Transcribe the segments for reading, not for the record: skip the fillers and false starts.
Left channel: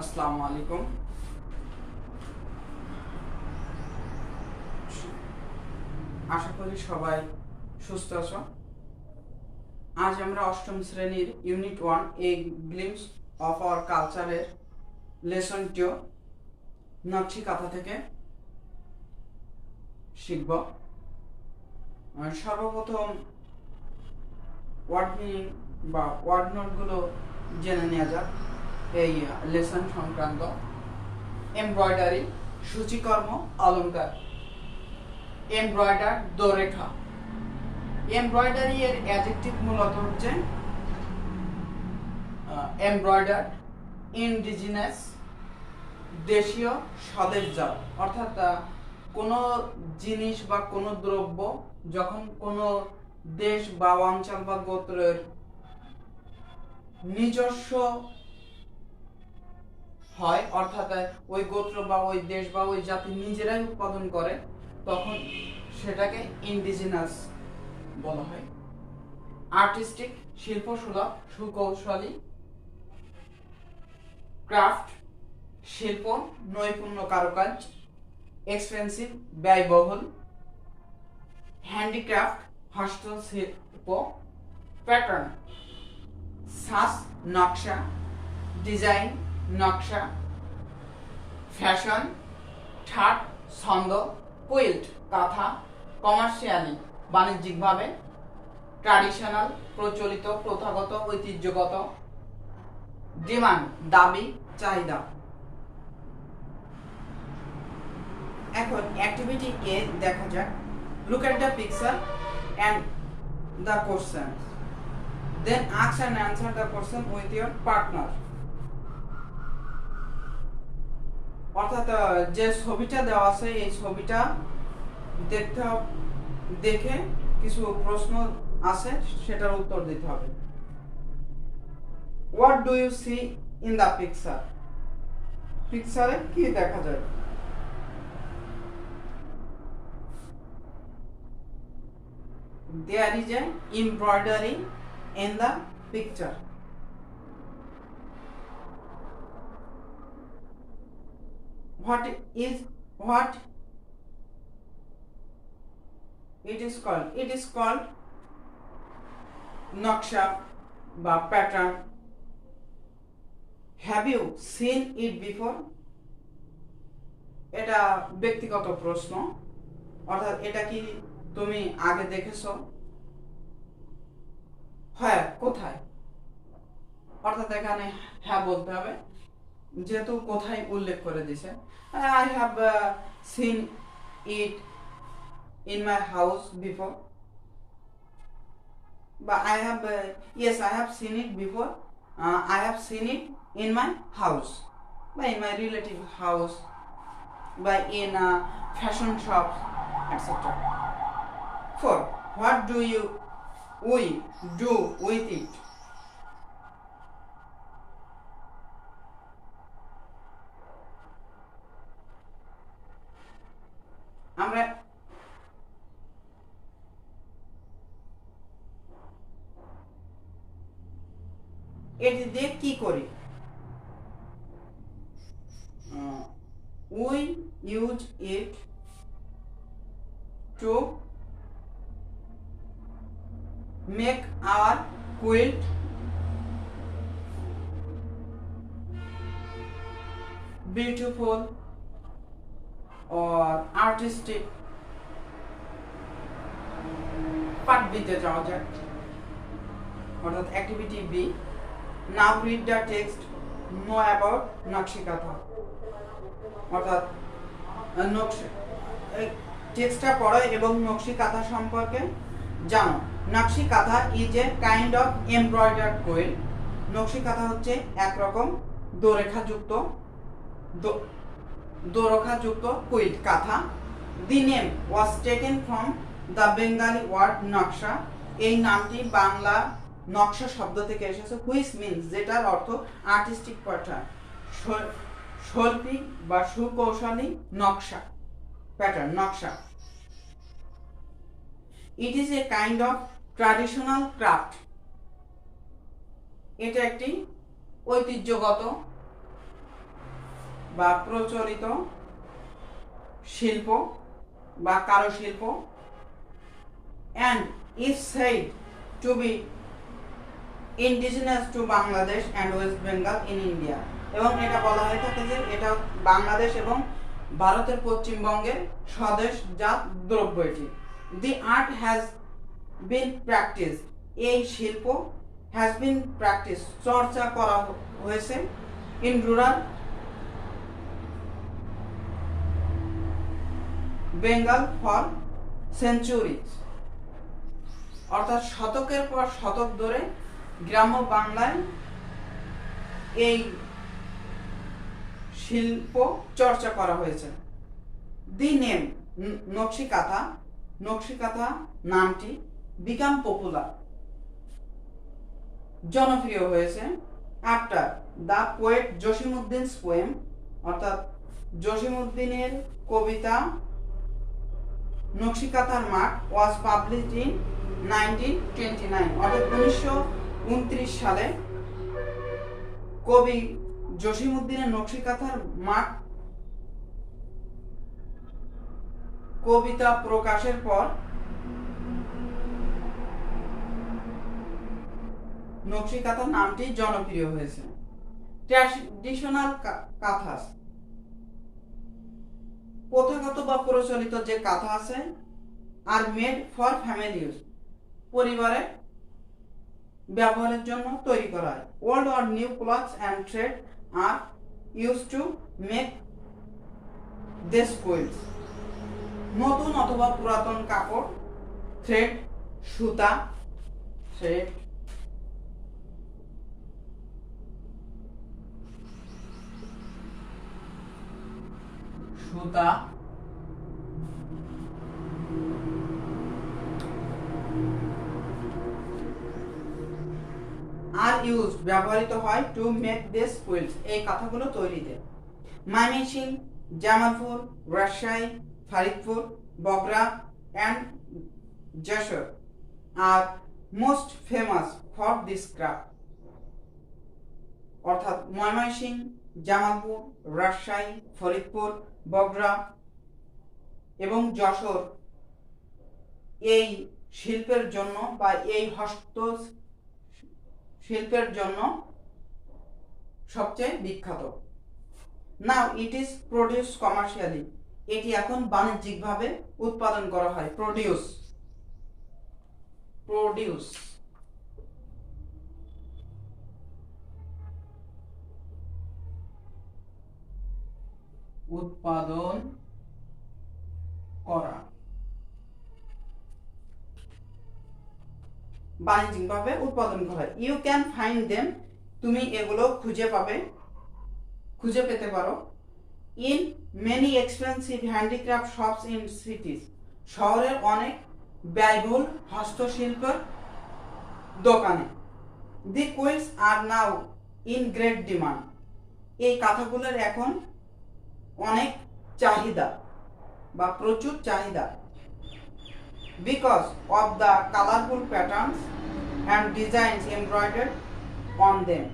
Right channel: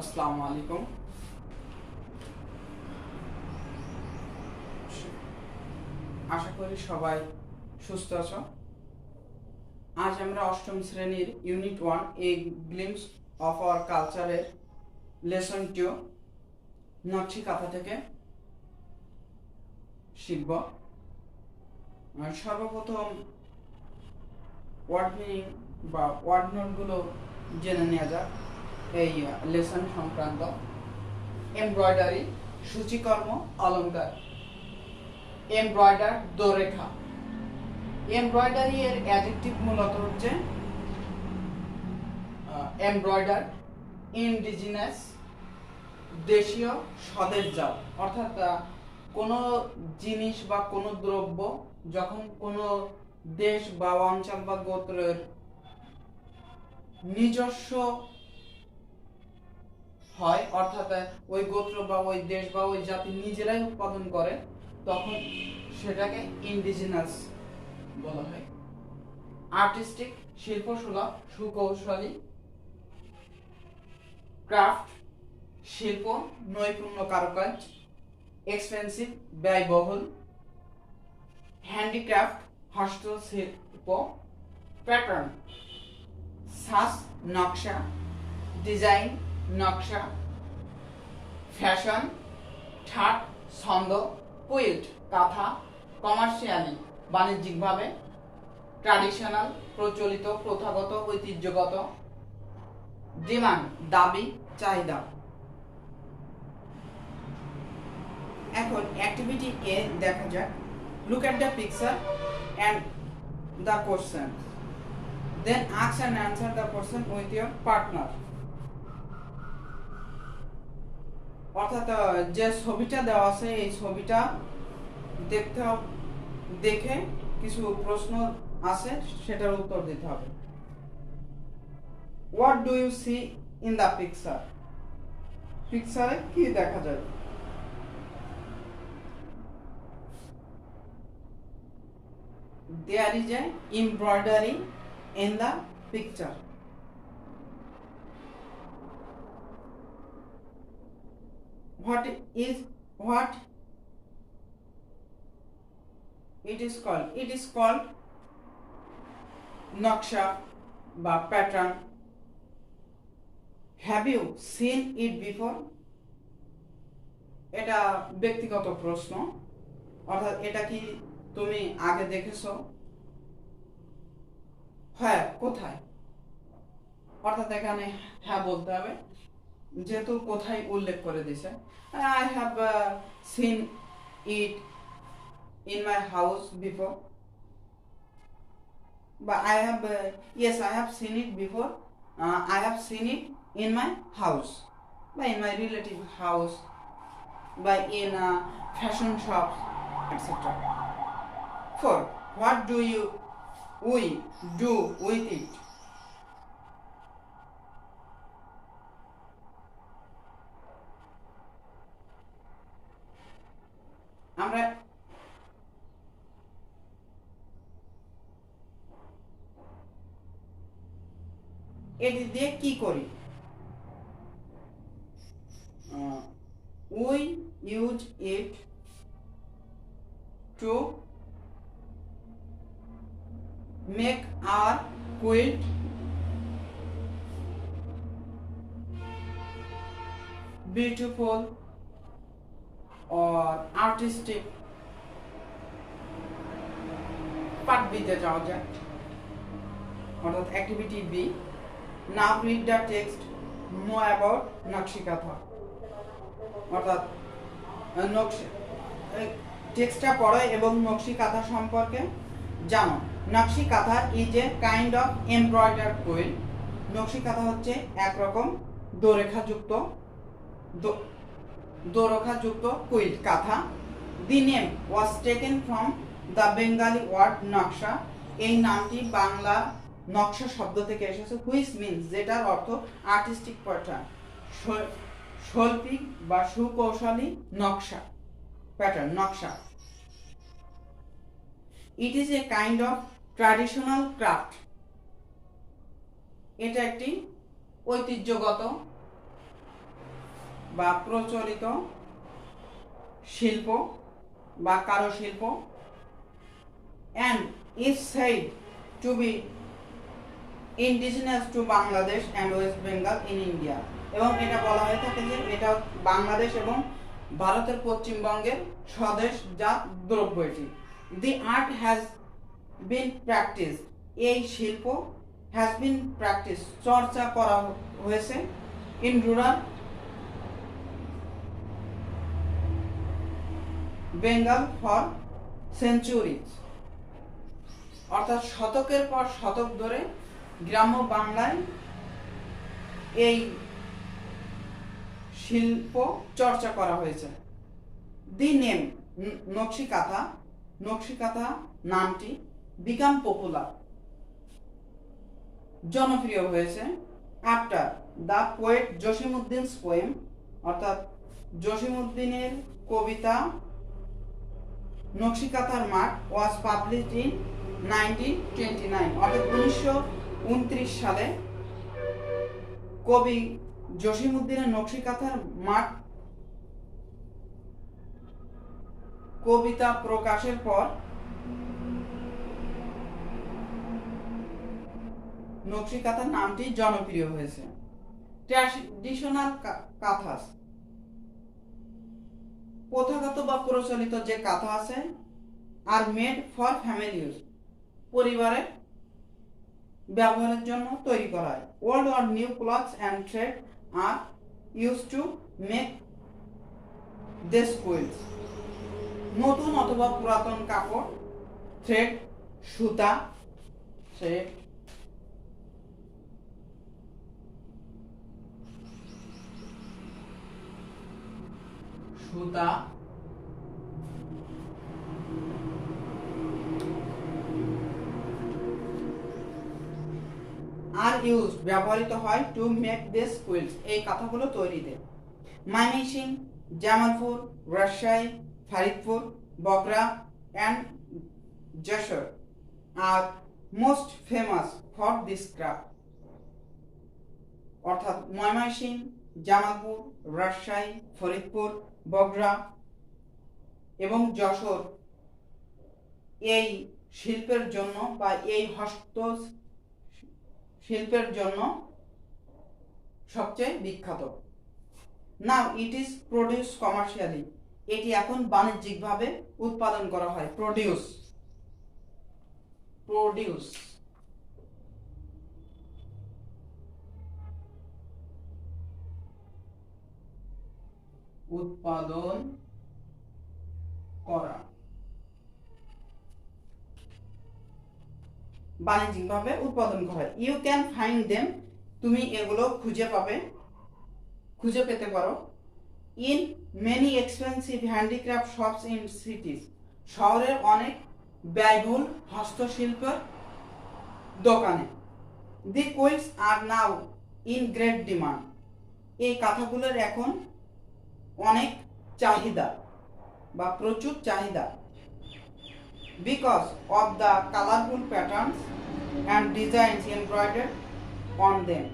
আসসালামু আলাইকুম। আশা করি সবাই সুস্থ আছো। আজ আমরা অষ্টম শ্রেণীর unit 1 A glimpse of our কালচারের লেসন 2 নকশি কাঁথা থেকে শিখব। সর্বপ্রথম ওয়ার্ড মিনিং বা ওয়ার্ড নোটগুলো জেনে নেওয়া যাক এই লেসন সংক্রান্ত। এমব্রয়ডারি সূচিকর্ম অলংকার। এমব্রয়ডার দোরেখা। এমব্রয়ডারি এর অ্যাডজেক্টিভ মূলত হচ্ছে এমব্রয়ডার, ইন্ডিজিনাস, দেশীয়, স্বদেশজাত। অর্থাৎ কোনো জিনিস বা কোনো দ্রব্য যখন কোনো দেশ বা অঞ্চল বা গোত্রের নিজস্ব হয়, অর্থাৎ ওই গোত্র বা ওই দেশ বা ওই জাতি নিজেরাই উৎপাদন করে, তখন সেটাকে ইন্ডিজিনাস বলা হয়। আর্টিস্টিক শিল্পসুলভ, সুকৌশলী। ক্রাফট শিল্প, নৈপুণ্য, কারুকাজ। এক্সপেন্সিভ ব্যয়বহুল। হ্যান্ডিক্রাফট হস্তশিল্প। প্যাটার্ন সাজ নকশা। ডিজাইন নকশা। ফ্যাশন ঠাট ছন্দ। কুইল্ট কাঁথা, কমার্শিয়ালি বাণিজ্যিকভাবে। ট্র্যাডিশনাল প্রচলিত, প্রথাগত, ঐতিহ্যগত। ডিমান্ড দাবি, চাহিদা। এখন অ্যাক্টিভিটি এ দেখা যাক। Look at the picture and the question, then ask and answer the question with your partner. অর্থাৎ যে ছবিটা দেওয়া আছে এই ছবিটা দেখে কিছু প্রশ্ন আছে, সেটার উত্তর দিতে হবে। What do you see in the picture? পিকচারে কি দেখা যায়? There is an embroidery in the picture. What it is called? It is called নকশা বা pattern. Have you seen it before? এটা ব্যক্তিগত প্রশ্ন, অর্থাৎ এটা কি তুমি আগে দেখেছো? হ্যাঁ, কোথায়? অর্থাৎ এখানে হ্যাঁ বলতে হবে, যেহেতু কোথায় উল্লেখ করে দিয়েছে। I have seen it in my house before, বা I have yes I have seen it before, I have seen it in my house, বা ইন মাই রিলেটিভ হাউস, বা in fashion shop, etcetera. 4. What do we do with it? আমরা এটি দিয়ে কি করি? We use it to make our quilt beautiful or artistic. Part বিতে যাওয়া যাক, অর্থাৎ activity B. Now read the text, know about nakshi kantha. অর্থাৎ টেক্সটটা পড়ো এবং নকশি কাঁথা সম্পর্কে জানো। Nakshi kantha is a kind of embroidered quilt. Nakshi kantha হচ্ছে একরকম দোরেখাযুক্ত কুইল কাঁথা। The name was taken from the Bengali word naksha. এই নামটি বাংলা নকশা শব্দ থেকে এসেছে, হুইচ মিনস, যেটার অর্থ আর্টিস্টিক প্যাটার্ন, শৈল্পিক বা সুকৌশলী নকশা, প্যাটার্ন নকশা। It is a kind of traditional craft. এটা একটি ঐতিহ্যগত বা প্রচলিত শিল্প বা কারুশিল্প and is said to be indigenous to Bangladesh and West Bengal in India এবং এটা বলা হয়ে থাকে যে এটা বাংলাদেশ এবং ভারতের পশ্চিমবঙ্গের স্বদেশজাত দ্রব্য এটি। The art has been practiced, এই শিল্প has been practiced, চর্চা করা হয়েছে in rural Bengal for centuries, অর্থাৎ শতকের পর শতক ধরে গ্রাম্য বাংলায় এই শিল্প চর্চা করা হয়েছে। দি নেম নকশিকাঁথা নামটি বিকাম পপুলার জনপ্রিয় হয়েছে আফটার দ্য পোয়েট জসিমউদ্দিনস পোয়েম, অর্থাৎ জসিমউদ্দিনের কবিতা নকশিকাঁথার মাঠ ওয়াজ পাবলিশড ইন 1929, অর্থাৎ 1929 সালে কবি জসিমউদ্দিনের নকশিকাঁথার মাঠ কবিতা প্রকাশের পর নকশিকাঁথার নামটি জনপ্রিয় হয়েছে। ট্র্যাডিশনাল কাঁথাস, প্রথাগত বা প্রচলিত যে কাঁথা আছে are made for family use, পরিবারের ব্যবহারের জন্য তৈরি করা হয়। Old or new clothes and thread are use to make this quilts, নতুন অথবা পুরাতন কাপড়, থ্রেড সুতা, থ্রেড সুতা আর ইউজ ব্যবহৃত হয় টু মেক দিস কুইলস, এই কাঁথাগুলো তৈরিতে। ময়মনসিংহ, জামালপুর, রাজশাহী, ফরিদপুর, বগুড়া and যশোর আর most famous for this craft, অর্থাৎ ময়মনসিংহ, জামালপুর, রাজশাহী, ফরিদপুর, বগুড়া এবং যশোর এই শিল্পের জন্য বা এই হস্ত শিল্পের জন্য সবচেয়ে বিখ্যাত। নাও ইট ইজ প্রডিউস কমার্শিয়ালি, এটি এখন বাণিজ্যিকভাবে উৎপাদন করা হয়। প্রডিউস উৎপাদন করা, বাণিজ্যিকভাবে উৎপাদন করা। ইউ ক্যান ফাইন্ড দেম, তুমি এগুলো খুঁজে পেতে পারো। In many expensive handicraft shops in cities, শহরের অনেক ব্যয়বহুল হস্তশিল্পের দোকানে। The quilts are now in great demand, এই কাঁথাগুলোর এখন অনেক চাহিদা বা প্রচুর চাহিদা। Because of the colourful patterns and designs embroidered on them,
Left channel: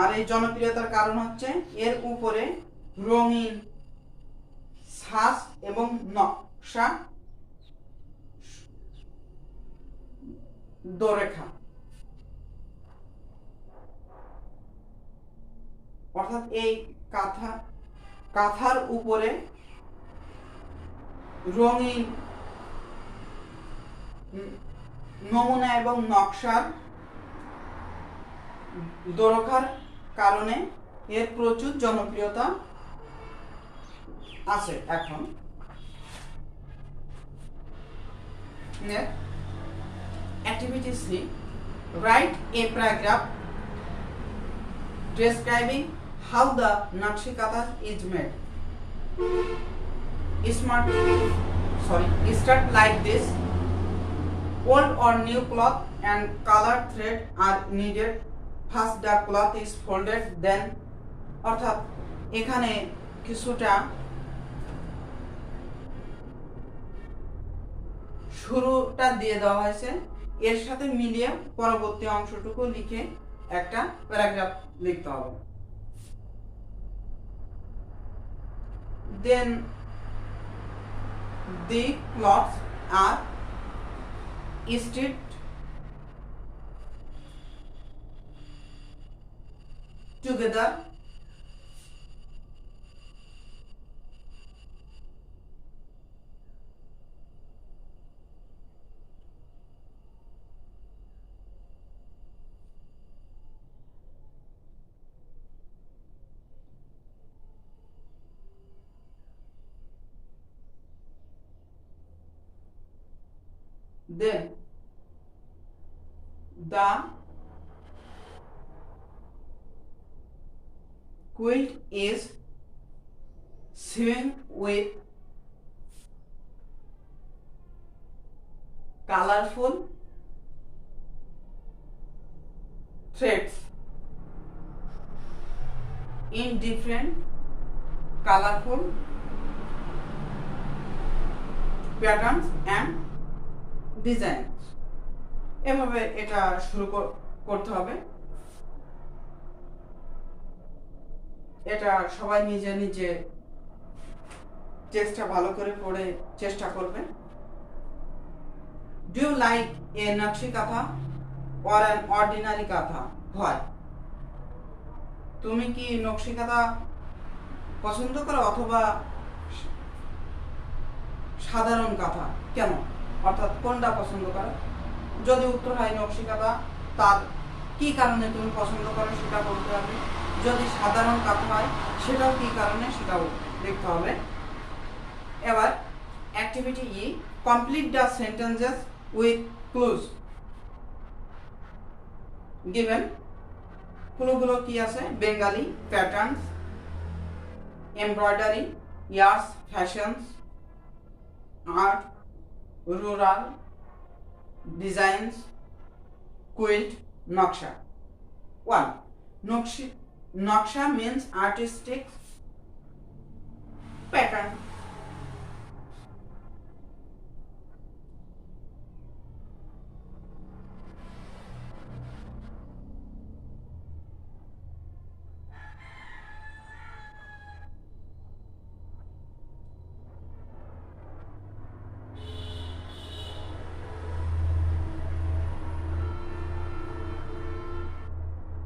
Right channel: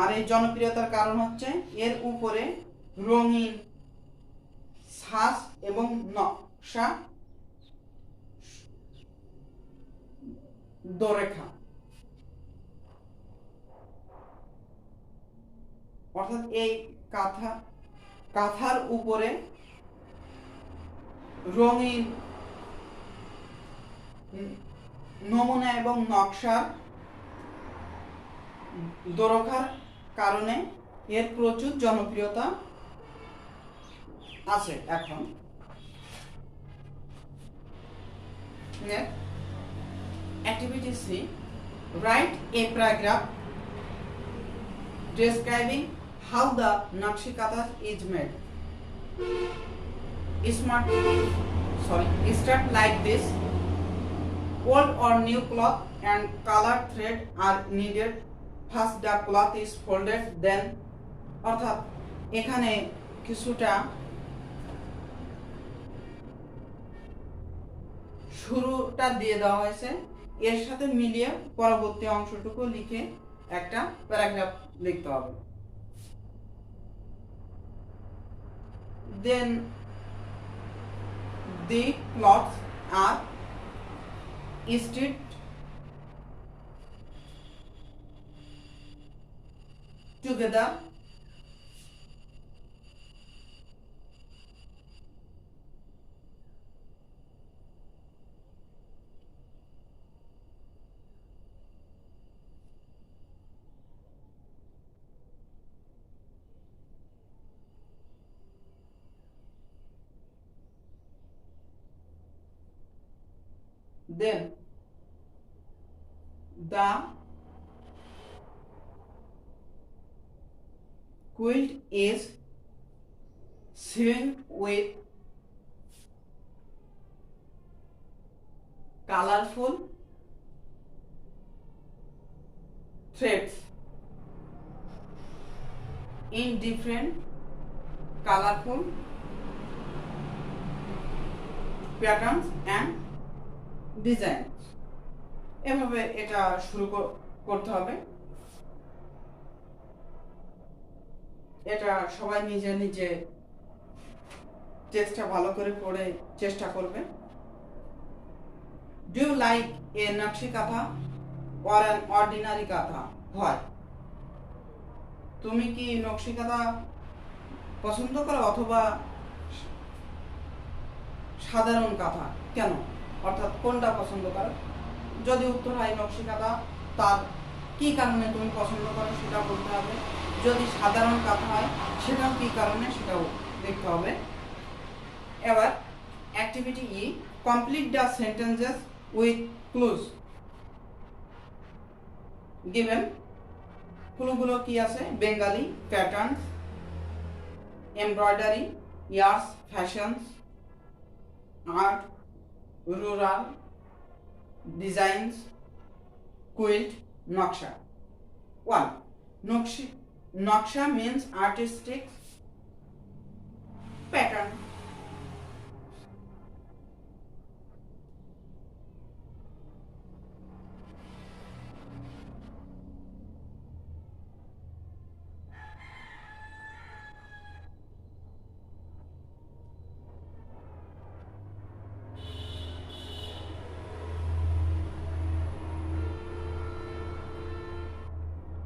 আর এই জনপ্রিয়তার কারণ হচ্ছে এর উপরে রঙিন ছাঁচ এবং নকশা দোরেখা, অর্থাৎ এই কাঁথার উপরে রঙিন নমুনা এবং নকশার দোরখার কারণে এর প্রচুর জনপ্রিয়তা আছে এখন। Activity C, write a paragraph describing how the Nakshikatha is made. Start like this. Old or new cloth and colored thread are needed. First the cloth is folded, then, অর্থাৎ এখানে কিছুটা শুরুটা দিয়ে দেওয়া হয়েছে, এর সাথে মিলিয়ে পরবর্তী অংশটুকু লিখে একটা প্যারাগ্রাফ লিখতে হবে। then the cloths are stitched together then the quilt is sewn with colorful threads in different colorful patterns and designs. এভাবে এটা শুরু করতে হবে। এটা সবাই নিজে নিজে টেক্সটটা ভালো করে পড়ে চেষ্টা করবে। ডু ইউ লাইক এ নকশি কাঁথা অর অ্যান অর্ডিনারি কাঁথা? হয়। তুমি কি নকশি কাঁথা পছন্দ করো অথবা সাধারণ কাঁথা? কেন, অর্থাৎ কোনটা পছন্দ করো? যদি উত্তর হয় নকশি কাঁথা, তার কি কারণে তুমি পছন্দ করো সেটা বলতে হবে। যদি সাধারণ কাঁথা হয় সেটাও কি কারণে সেটাও দেখতে হবে। এবার activity E, complete the sentences with clues given. ক্লুগুলো কি আছে? Bengali, patterns, embroidery, years, fashions, art, rural, designs, quilt, naksha. 1. Naksha means artistic pattern.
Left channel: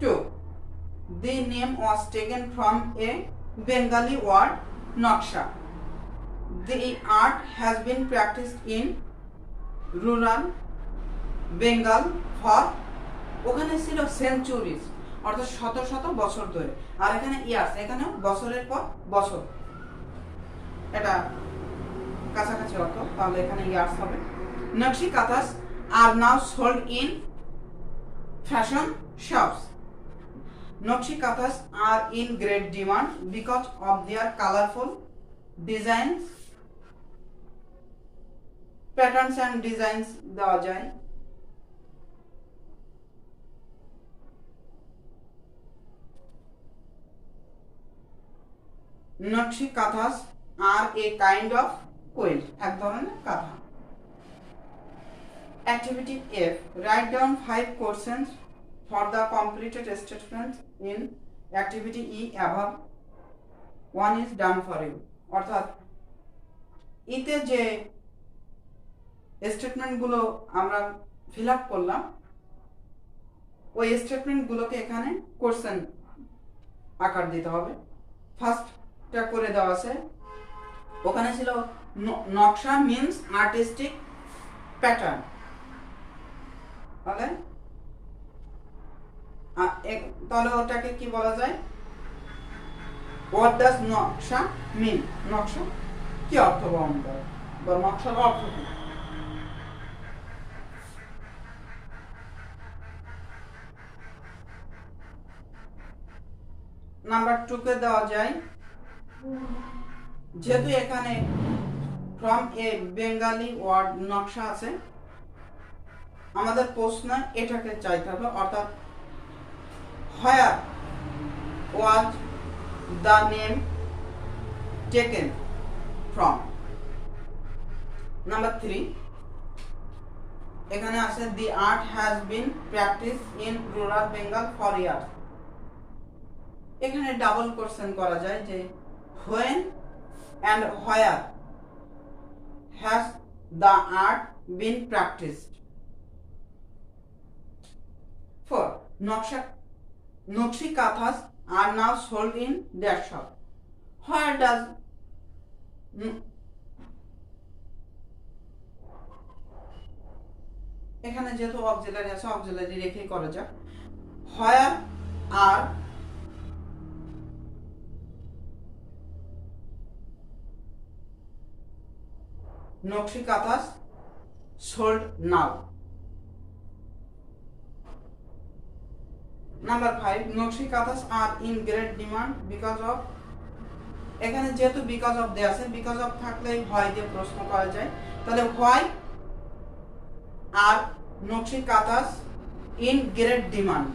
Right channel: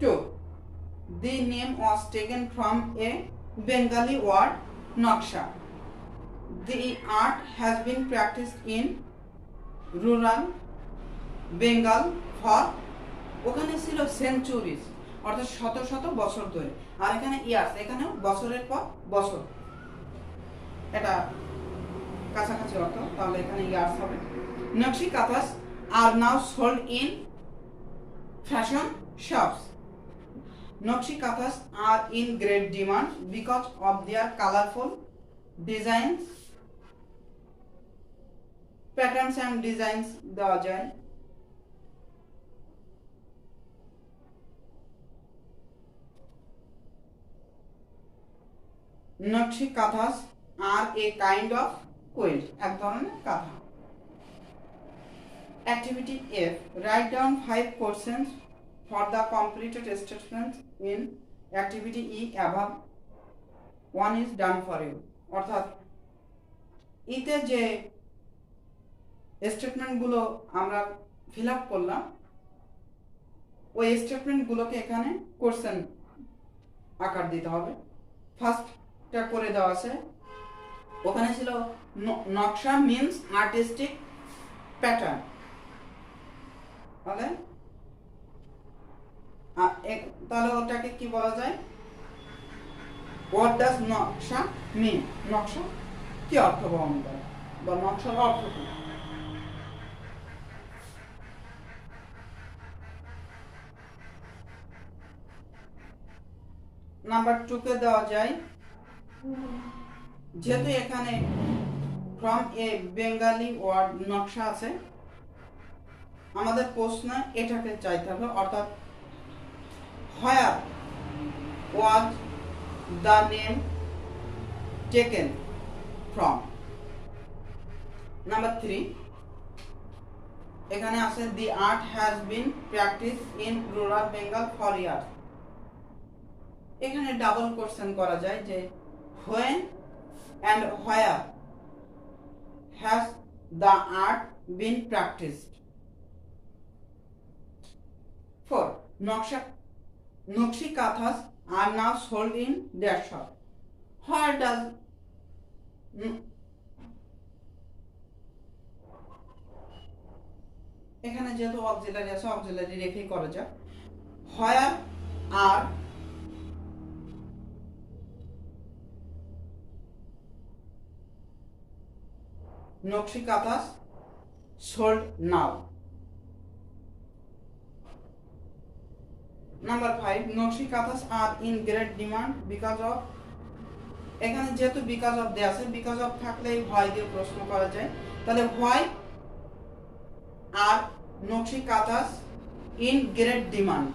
2. The name was taken from a Bengali word naksha. The art has been practiced in rural Bengal for ওখানে ছিল centuries, অর্থাৎ শত শত বছর ধরে। আর এখানে years, এখানেও বছরের পর বছর, এটা কাছাকাছি অর্থ, তাহলে এখানে ইয়ার্স হবে। Nakshi kanthas are now sold in fashion shops. Nakshi kathas are in great demand because of their colorful designs, patterns and designs দেওয়া যায়। Nakshi kathas are a kind of quilt, এক ধরনের কাঁথা। Activity F, write down 5 questions for the completed statements in activity E above. 1 is done for you, অর্থাৎ ইতে যে স্টেটমেন্টগুলো আমরা fill up করলাম ওই স্টেটমেন্টগুলোকে এখানে কোশ্চেন আকার দিতে হবে। ফার্স্টটা করে দেওয়া আছে, ওখানে ছিল নকশা মিন্স আর্টিস্টিক প্যাটার্ন, ওকে? তাহলে ওটাকে কি বলা যায়? হোয়াট ডাজ নকশা মিন? নকশা কি অর্থ বহন করে বা নকশার অর্থ কি? নাম্বার 2 কে দেওয়া যায়, যেহেতু এখানে ফ্রম এ বেঙ্গালি ওয়ার্ড নকশা আছে, আমাদের প্রশ্ন এটাকে চাইতে হবে, অর্থাৎ where was the name taken from? Number 3, এখানে আছে the art has been practiced in rural Bengal for years. এখানে ডাবল কোশ্চেন করা যায় যে when and where has the art been practiced? 4. Nokshi Kathas are now sold in their shop. Where does এখানে যেহেতু auxiliary আছে auxiliary রেখেই করা যাক। Where are Nokshi Kathas sold now? Number 5. Nokshi Kathas are in great demand because of, এখানে যেহেতু because of দেয়া আছে, because of থাকলেই why দিয়ে প্রশ্ন করা যায়। তাহলে why are Nokshi Kathas in great demand?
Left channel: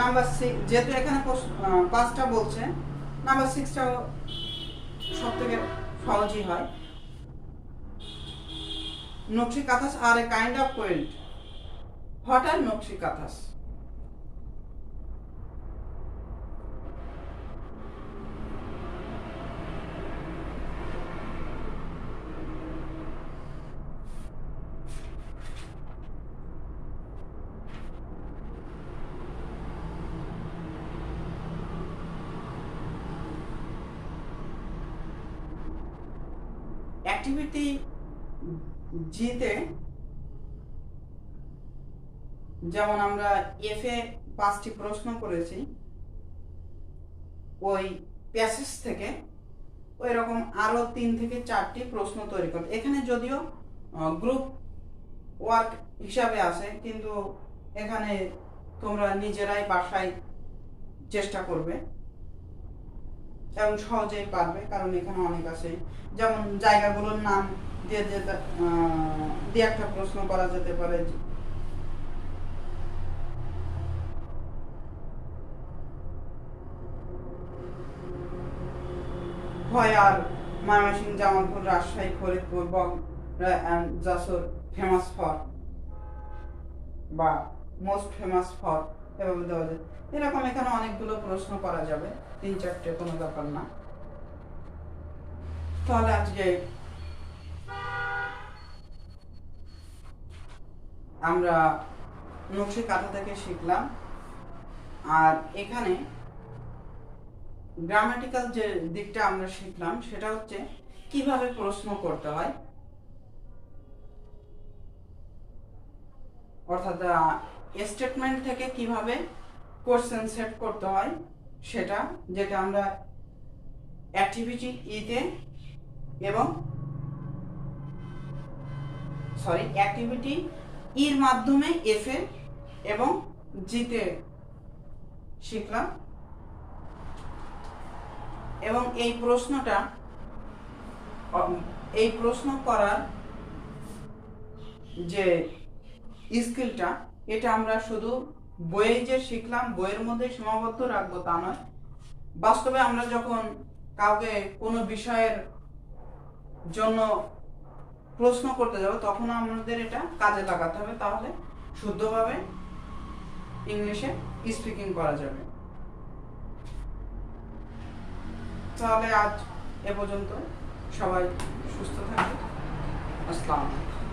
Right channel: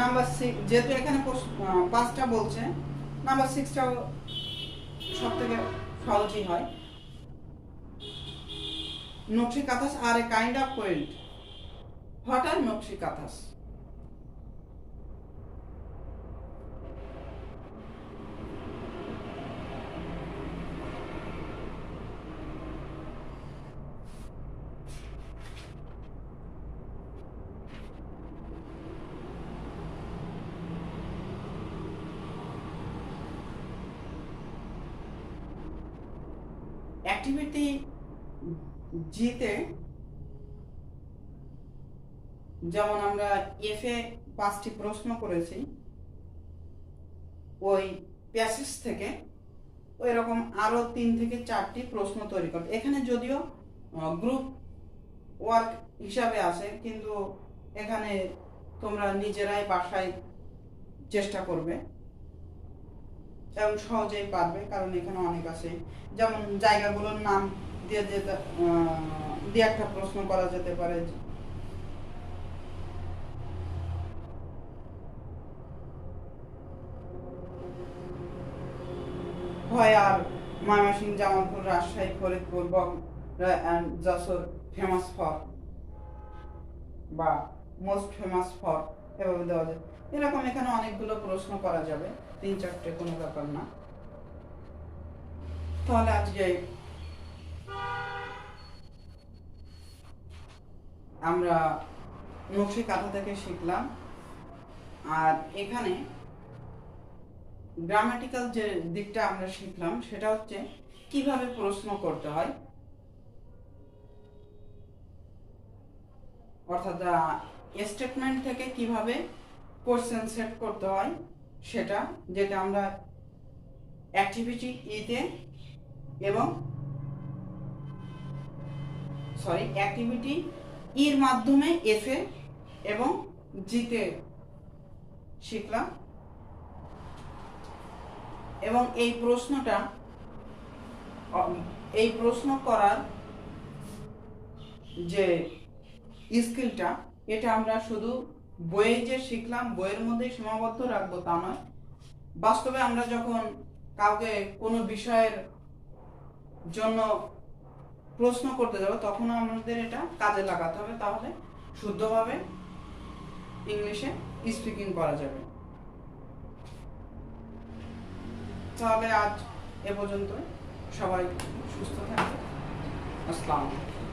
Number 6, যেহেতু এখানে পাঁচটা বলছে, নাম্বার 6টা সবথেকে সহজই হয়। Nokshi Kathas are a kind of quilt. What are Nokshi Kathas? Activity জিতে যেমন আমরা এফ এ 5টি প্রশ্ন করেছি, ওই প্যাসেজ থেকে ওই রকম আরো 3 থেকে 4টি প্রশ্ন তৈরি করতে। এখানে যদিও গ্রুপ ওয়ার্ক হিসাবে আছে, কিন্তু এখানে তোমরা নিজেরাই বাসায় চেষ্টা করবে এবং সহজেই পারবে, কারণ এখানে অনেক আছে। যেমন জায়গাগুলোর নাম দিয়ে একটা প্রশ্ন করা যেতে পারে। আর ময়মনসিংহ, জামালপুর, রাজশাহী, ফরিদপুর, যশোর ফেমাস ফর বা মোস্ট ফেমাস ফর এরকম এখানে অনেকগুলো প্রশ্ন করা যাবে, 3-4টে কোনো ব্যাপার না। তাহলে আজকে আমরা নকশি কাঁথা থেকে শিখলাম। আর এখানে গ্রামাটিক্যাল যে দিকটা আমরা শিখলাম সেটা হচ্ছে কিভাবে প্রশ্ন করতে হয়, অর্থাৎ স্টেটমেন্ট থেকে কিভাবে কোশ্চেন সেট করতে হয় সেটা, যেটা আমরা অ্যাক্টিভিটি ইতে এবং অ্যাক্টিভিটি ইর মাধ্যমে এফে এবং জিতে শিখলাম। এবং এই প্রশ্ন করার যে স্কিলটা, এটা আমরা শুধু বইয়ে যে শিখলাম বইয়ের মধ্যে সীমাবদ্ধ রাখবো তা নয়। বাস্তবে আমরা যখন কাউকে কোনো বিষয়ের জন্য প্রশ্ন করতে যাব তখন আমাদের এটা কাজে লাগাতে হবে, তাহলে শুদ্ধভাবে ইংলিশে স্পিকিং করা যাবে। তাহলে আজ এ পর্যন্ত, সবাই সুস্থ থাকবে। আসসালামু আলাইকুম।